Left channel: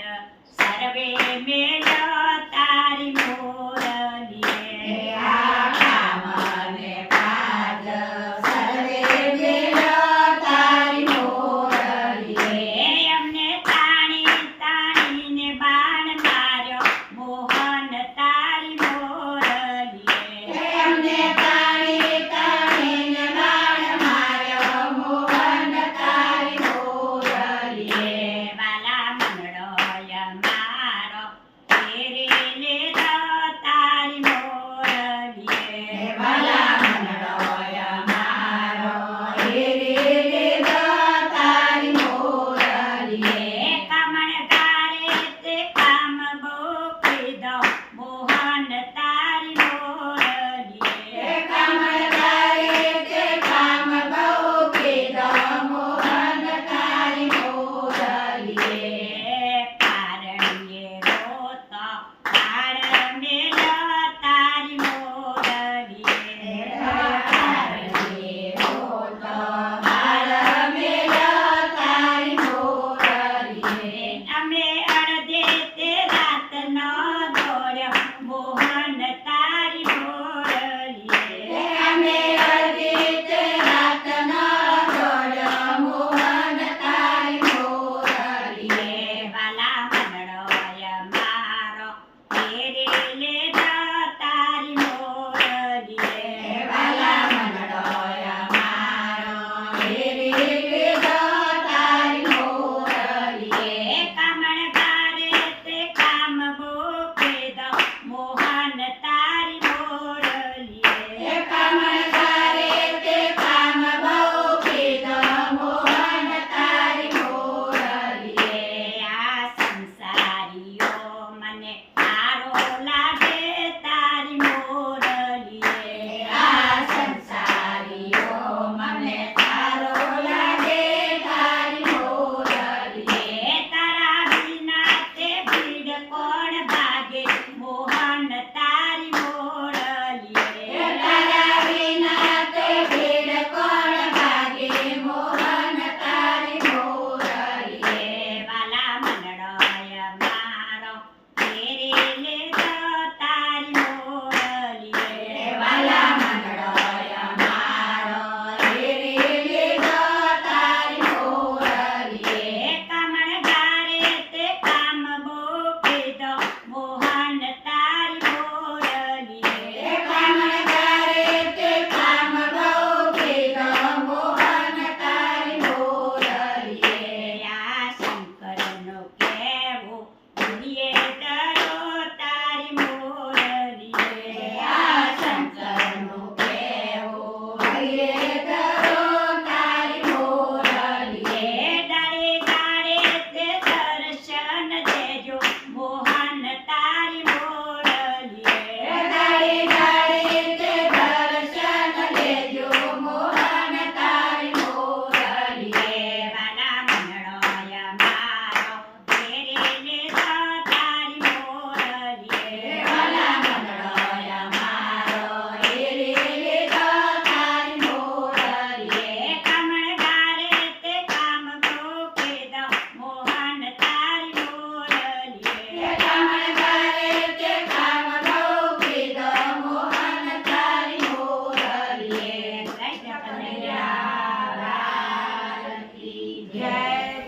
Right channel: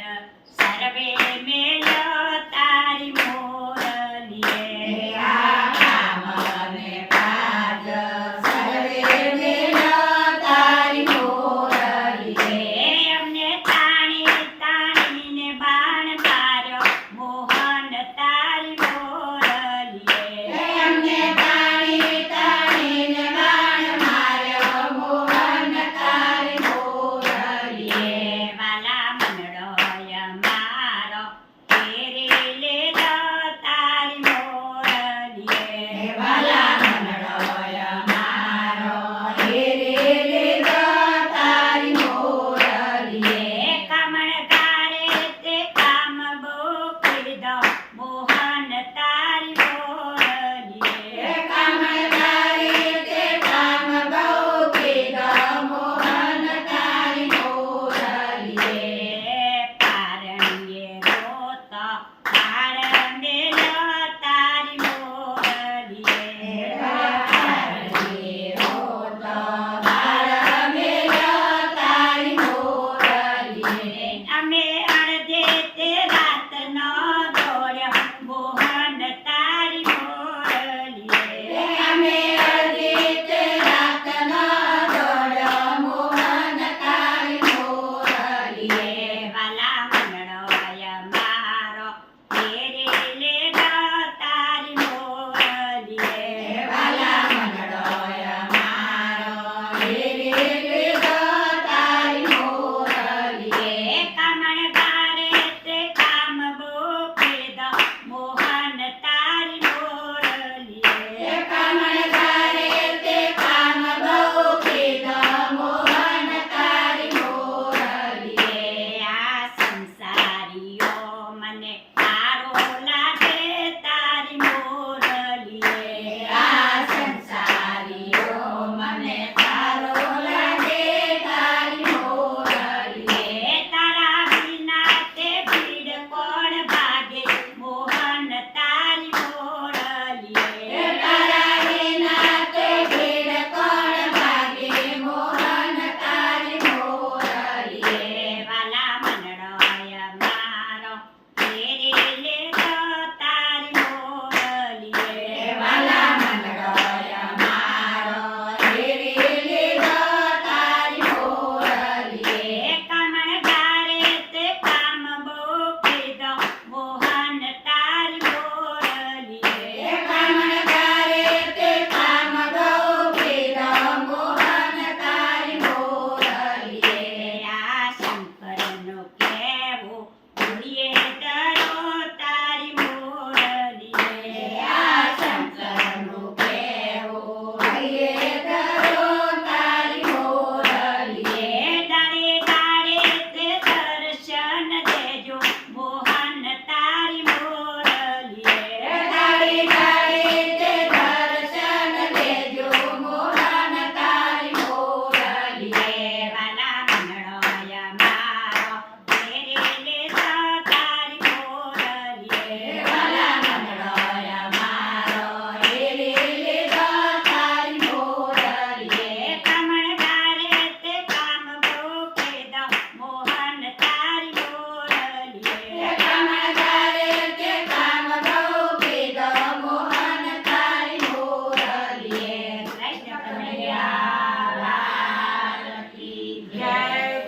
સર્વે મેલ્યો તારી મોરલીએ કામ અને કાજ સર્વે મેલ્યો તારી મોરલીએ અમને તાણી તાણીને બાણ માર્યો મોહન તારી મોરલીએ અમને તાણી તાણીને બાણ માર્યો મોહન તારી મોરલીએ વાલા મંડળોય મારો તેરી લીધો તારી મોરલીએ વાલા મંડળોય મારો હેરી લીધો તારી મોરલીએ કામણગારે તે કામ બહુ કીધો મોહન તારી મોરલીએ કામદારી તે કામ બહુ કીધો મોહન તારી મોરલીએ કારણીએ રોતો કાળ મેલ્યો તારી મોરલીએ કારણીએ રોતો બાળ મેલ્યો તારી મોરલીએ અમે અડધે તે રાતનો દોડ્યો મોહન તારી મોરલીએ અમે અડધી તે રાતનો દોડ્યો મોહન તારી મોરલીએ વાલા મંડળોય મારો તેરી લીધો તારી મોરલીએ વાલા મંડળોય મારો હેરી લીધો તારી મોરલીએ કામણગારે તે કામ બહુ કીધો મોહન તારી મોરલીએ કામદારે તે કામ બહુ કીધો મોહન તારી મોરલીએ આ સંસારીઓ મને સારો લાગે તારી મોરલીએ આ સંસારીઓ મને તારો લાગે તારી મોરલીએ તારા વિના તે ભીડ કોણ ભાગે મોહન તારી મોરલીએ તારા વિના તે ભીડ કોણ ભાગે મોહન તારી મોરલીએ વાલા મંડળોય મારો તેરી લીધો તારી મોરલીએ વાલા મંડળોય મારો હેરી લીધો તારી મોરલીએ કામણગારે તે કામ બહુ કીધો મોહન તારી મોરલીએ કામદારે તે કામ બહુ કીધો મોહન તારી મોરલીએ આ શંકરનો કહેવું ભૂલીએ